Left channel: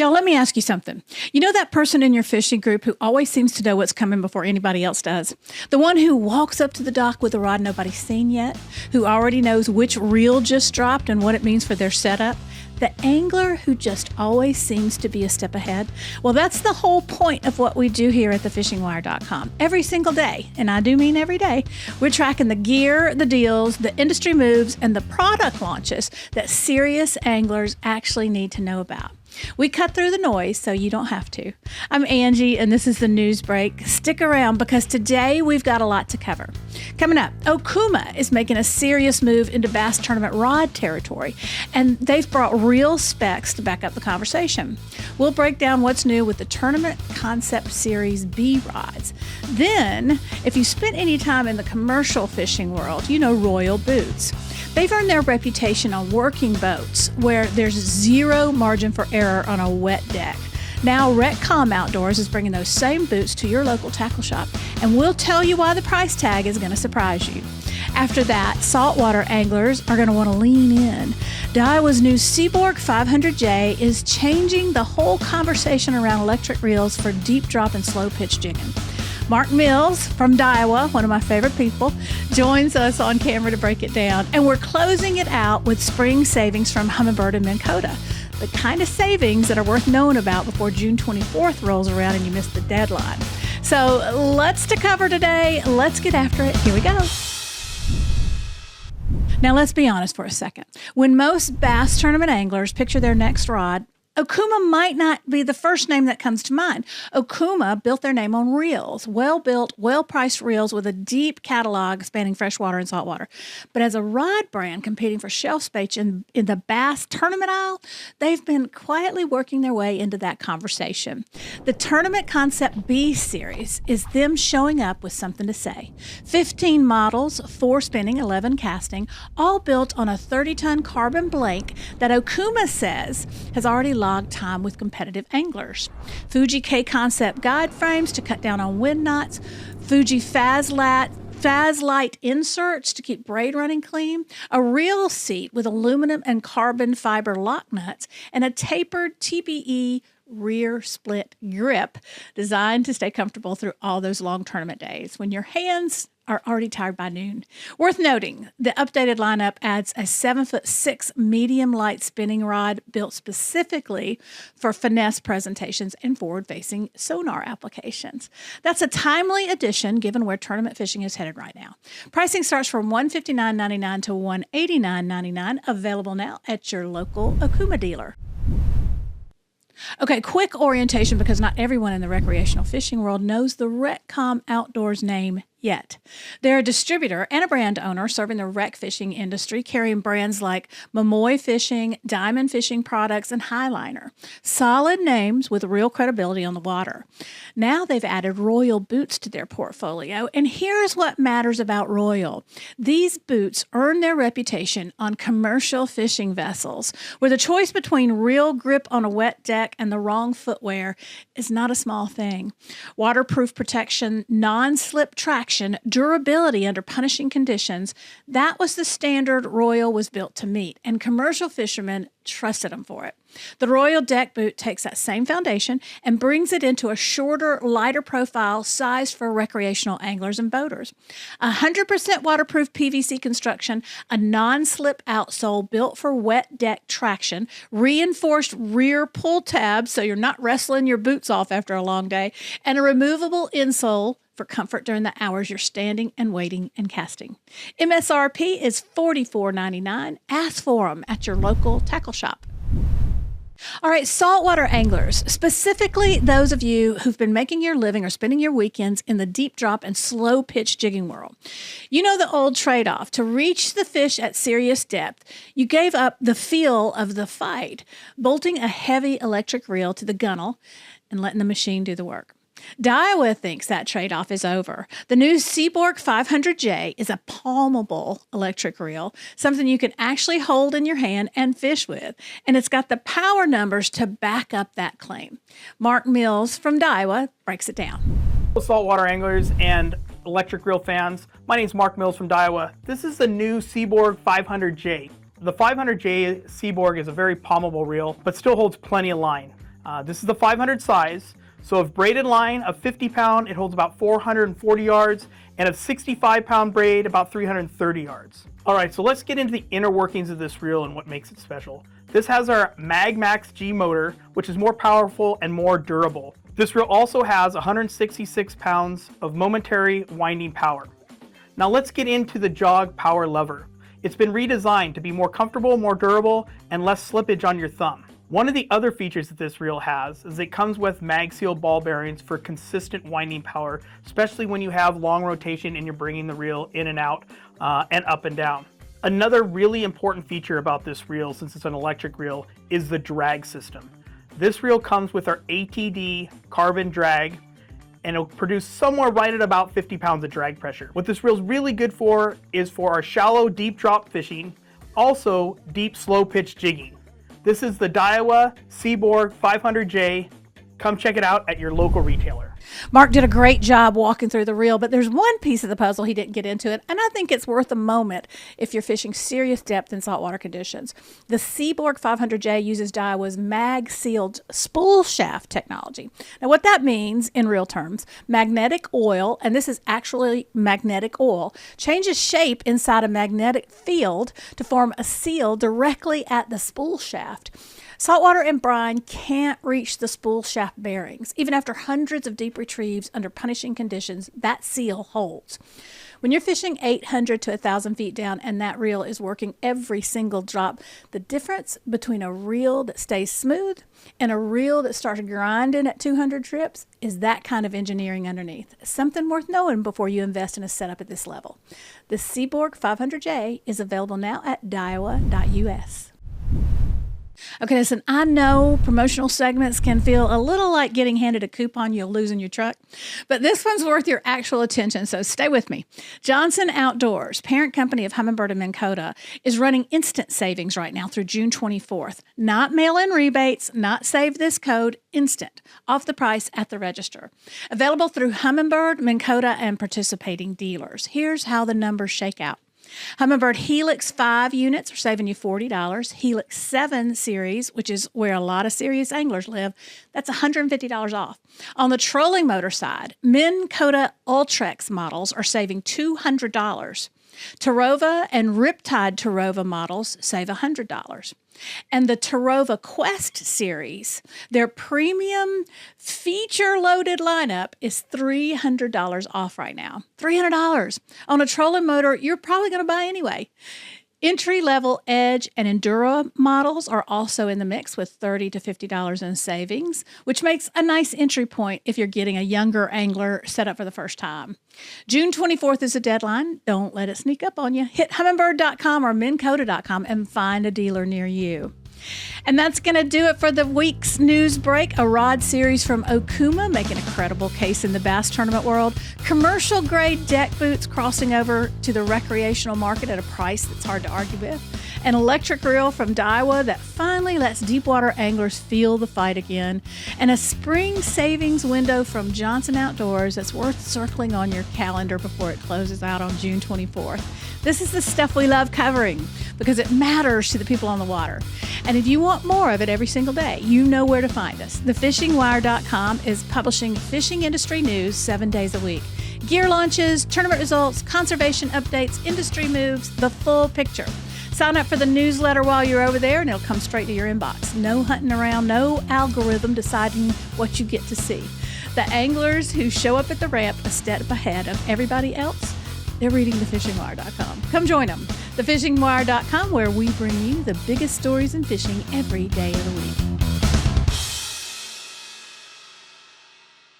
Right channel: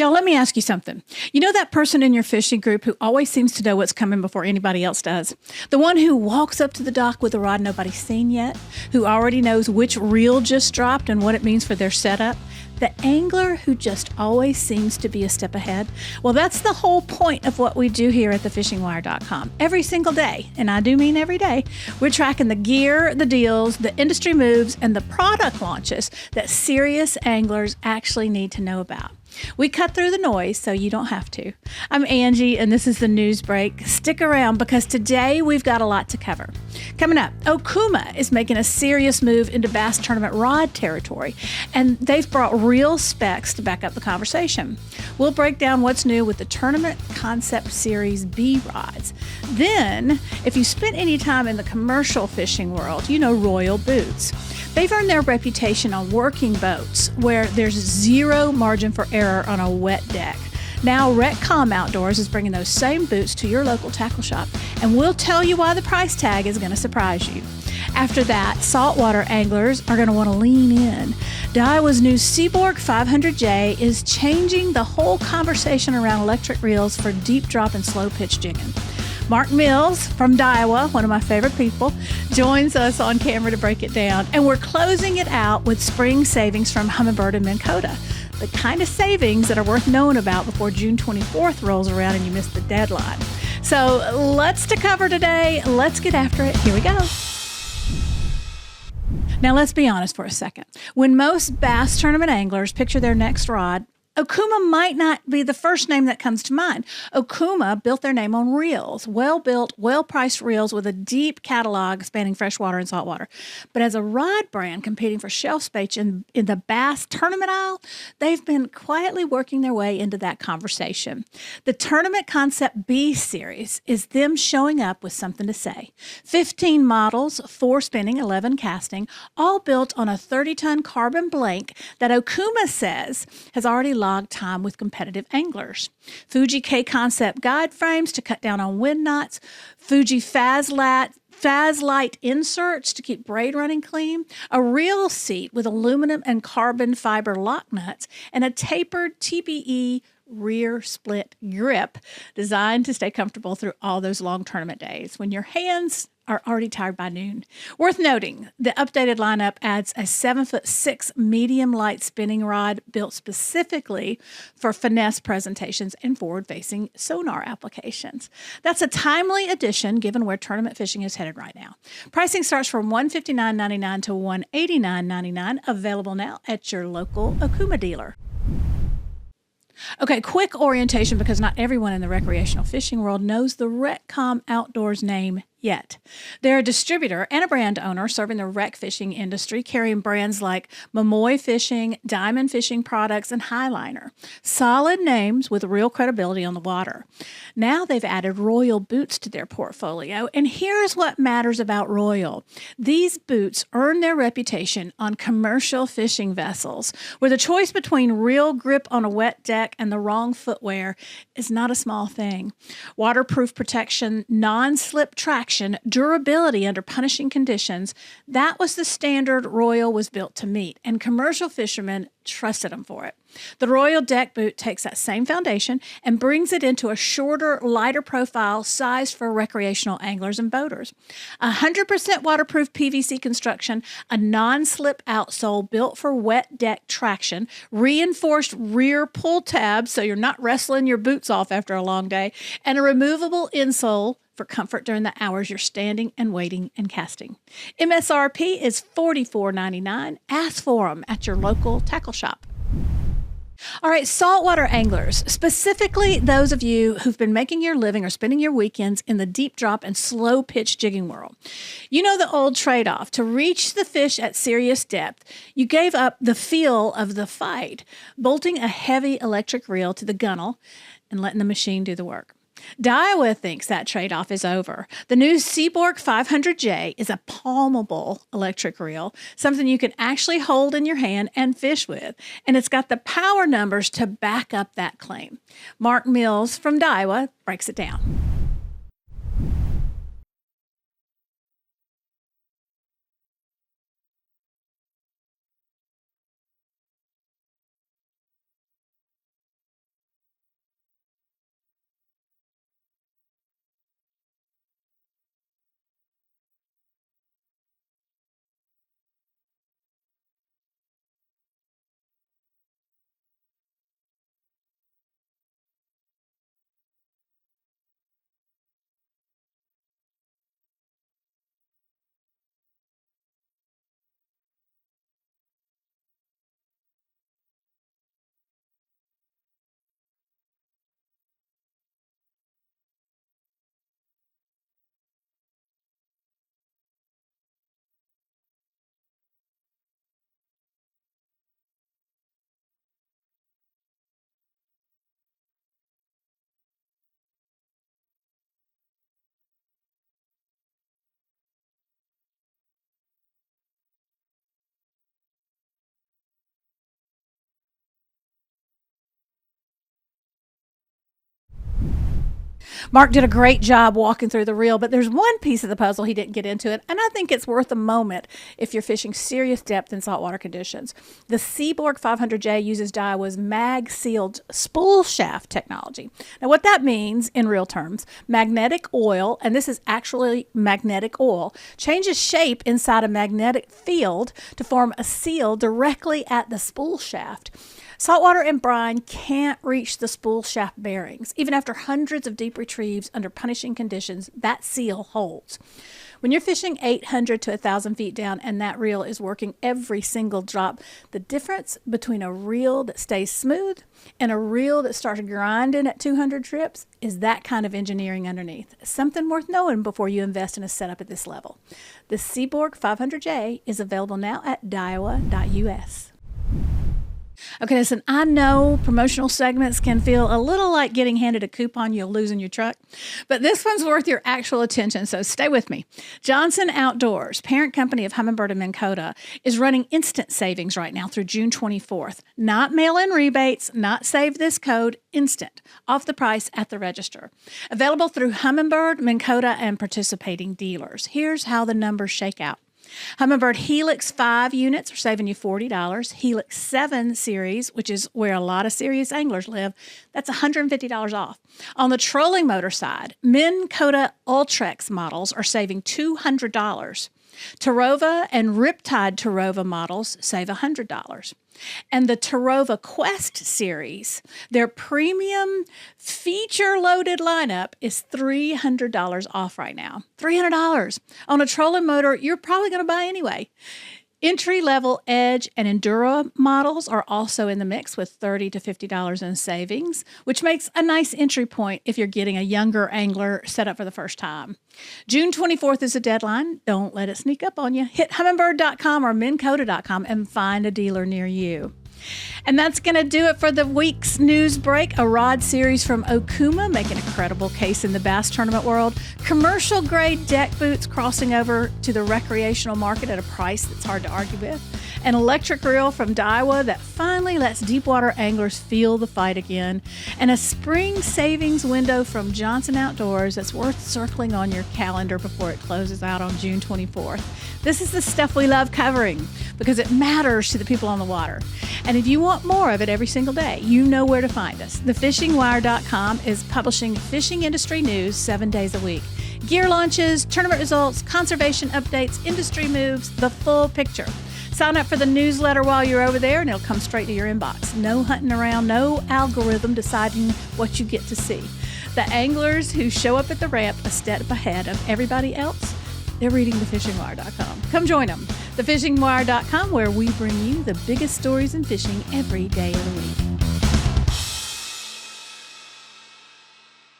Y'all, let me ask you something. You know that person in your fishing group who always seems to know what's coming before anybody else does? The one who walks up to the dock with a rod nobody's seen yet, who already knows which reel just dropped and what it means for their setup? The angler who just always seems to be a step ahead? Well, that's the whole point of what we do here at thefishingwire.com. Every single day, and I do mean every day, we're tracking the gear, the deals, the industry moves, and the product launches that serious anglers actually need to know about. We cut through the noise so you don't have to. I'm Angie, and this is the news break. Stick around because today we've got a lot to cover. Coming up, Okuma is making a serious move into bass tournament rod territory, and they've brought real specs to back up the conversation. We'll break down what's new with the Tournament Concept Series B rods. Then, if you spent any time in the commercial fishing world, you know Royal boots. They've earned their reputation on working boats where there's zero margin for error on a wet deck. Now, Retcom Outdoors is bringing those same boots to your local tackle shop, and we'll tell you why the price tag is going to surprise you. After that, saltwater anglers are going to want to lean in. Daiwa's new Seaborg 500J is changing the whole conversation around electric reels for deep drop and slow pitch jigging. Mark Mills from Daiwa, one of my favorite people, joins us on camera to break it down. And we're closing it out with spring savings from Humminbird and Minn Kota, the kind of savings that are worth knowing about before June 24th rolls around and you miss the deadline. So lots to cover today. Let's get after it. Here we go. Now let's be honest for a second. When most bass tournament anglers picture their next rod, Okuma might not be the first name that comes to mind. Okuma built their name on reels, well-built, well-priced reels with a deep catalog spanning freshwater and saltwater. But as a rod brand competing for shelf space in the bass tournament aisle, they've been quietly working their way into that conversation. The Tournament Concept B Series is them showing up with something to say. 15 models, 4 spinning, 11 casting, all built on a 30-ton carbon blank that Okuma says has already logged time with competitive anglers. Fuji K-Concept guide frames to cut down on wind knots, Fuji FazLite inserts to keep braid running clean, a reel seat with aluminum and carbon fiber lock nuts, and a tapered TPE rear split grip designed to stay comfortable through all those long tournament days when your hands are already tired by noon. Worth noting, the updated lineup adds a 7'6" medium light spinning rod built specifically for finesse presentations and forward-facing sonar applications. That's a timely addition given where tournament fishing is headed right now. Pricing starts from $159.99 to $189.99, available now at your local Okuma dealer. Okay, quick orientation because not everyone in the recreational fishing world knows the Retcom Outdoors name yet. They're a distributor and a brand owner serving the rec fishing industry, carrying brands like Momoy Fishing, Diamond Fishing Products, and Highliner. Solid names with real credibility on the water. Now they've added Royal boots to their portfolio, and here's what matters about Royal. These boots earn their reputation on commercial fishing vessels, where the choice between real grip on a wet deck and the wrong footwear is not a small thing. Waterproof protection, non-slip traction, durability under punishing conditions, that was the standard Royal was built to meet, and commercial fishermen trusted them for it. The Royal deck boot takes that same foundation and brings it into a shorter, lighter profile sized for recreational anglers and boaters. 100% waterproof PVC construction, a non-slip outsole built for wet deck traction, reinforced rear pull tabs so you're not wrestling your boots off after a long day, and a removable insole for comfort during the hours you're standing and waiting and casting. MSRP is $44.99. Ask for them at your local tackle shop. All right, saltwater anglers, specifically those of you who've been making your living or spending your weekends in the deep drop and slow pitch jigging world. You know the old trade-off. To reach the fish at serious depth, you gave up the feel of the fight, bolting a heavy electric reel to the gunnel and letting the machine do the work. Daiwa thinks that trade-off is over. The new Seaborg 500J is a palmable electric reel, something you can actually hold in your hand and fish with, and it's got the power numbers to back up that claim. Mark Mills from Daiwa breaks it down. Saltwater anglers and electric reel fans, my name is Mark Mills from Daiwa. This is the new Seaborg 500J. The 500J Seaborg is a very palmable reel, but still holds plenty of line. This is the 500 size. So of braided line of 50 pound, it holds about 440 yards, and of 65 pound braid, about 330 yards. All right, so let's get into the inner workings of this reel and what makes it special. This has our MagMax G motor, which is more powerful and more durable. This reel also has 166 pounds of momentary winding power. Now let's get into the jog power lever. It's been redesigned to be more comfortable, more durable, and less slippage on your thumb. One of the other features that this reel has is it comes with mag seal ball bearings for consistent winding power, especially when you have long rotation and you're bringing the reel in and out and up and down. Another really important feature about this reel, since it's an electric reel, is the drag system. This reel comes with our ATD carbon drag, and it'll produce somewhere right at about 50 pounds of drag pressure. What this reel is really good for is for our shallow, deep drop fishing, also deep, slow pitch jigging. This is the Daiwa Seaborg 500J. Come check it out at your local retailer. Mark did a great job walking through the reel, but there's one piece of the puzzle he didn't get into it, and I think it's worth a moment if you're fishing serious depth in saltwater conditions. The Seaborg 500J uses Daiwa's mag-sealed spool shaft technology. Now, what that means in real terms, magnetic oil, and this is actually magnetic oil, changes shape inside a magnetic field to form a seal directly at the spool shaft. Saltwater and brine can't reach the spool shaft bearings. Even after hundreds of deep retrieves under punishing conditions, that seal holds. When you're fishing 800 to 1,000 feet down and that reel is working every single drop, the difference between a reel that stays smooth and a reel that starts grinding at 200 trips is that kind of engineering underneath. Something worth knowing before you invest in a setup at this level. The Seaborg 500J is available now at daiwa.us. Okay, listen, I know promotional segments can feel a little like getting handed a coupon you'll lose in your truck, but this one's worth your actual attention, so stay with me. Johnson Outdoors, parent company of Humminbird and Minn Kota, is running instant savings right now through June 24th. Not mail-in rebates, not save this code, instant, off the price at the register. Available through Humminbird, Minn Kota, and participating dealers. Here's how the numbers shake out. Humminbird Helix 5 units are saving you $40. Helix 7 series, which is where a lot of serious anglers live, that's $150 off. On the trolling motor side, Minn Kota Ultrex models are saving $200. Tarova and Riptide Tarova models save $100. And the Tarova Quest series, their premium feature-loaded lineup is $300 off right now. $300 on a trolling motor you're probably going to buy anyway. Entry-level Edge and Enduro models are also in the mix with $30 to $50 in savings, which makes a nice entry point if you're getting a younger angler set up for the first time. June 24th is the deadline. Don't let it sneak up on you. Hit humminbird.com or minnkota.com and find a dealer near you. And that's going to do it for the week's news break. A rod series from Okuma making a credible case in the bass tournament world. Commercial grade deck boots crossing over to the recreational market at a price that's hard to argue with. An electric reel from Daiwa that finally lets deepwater anglers feel the fight again. And a spring savings window from Johnson Outdoors that's worth circling on your calendar before it closes out on June 24th. This is the stuff we love covering because it matters to the people on the water. And if you want more of it every single day, you know where to find us. TheFishingWire.com is publishing fishing industry news 7 days a week. Gear launches, tournament results, conservation updates, industry moves, the full picture. Sign up for the newsletter while you're over there and it'll come straight to your inbox. No hunting around, no algorithm deciding what you get to see. The anglers who show up at the ramp a step ahead of everybody else, they're reading TheFishingWire.com. Come join them. TheFishingWire.com, where we bring you the biggest stories in fishing every day of the week.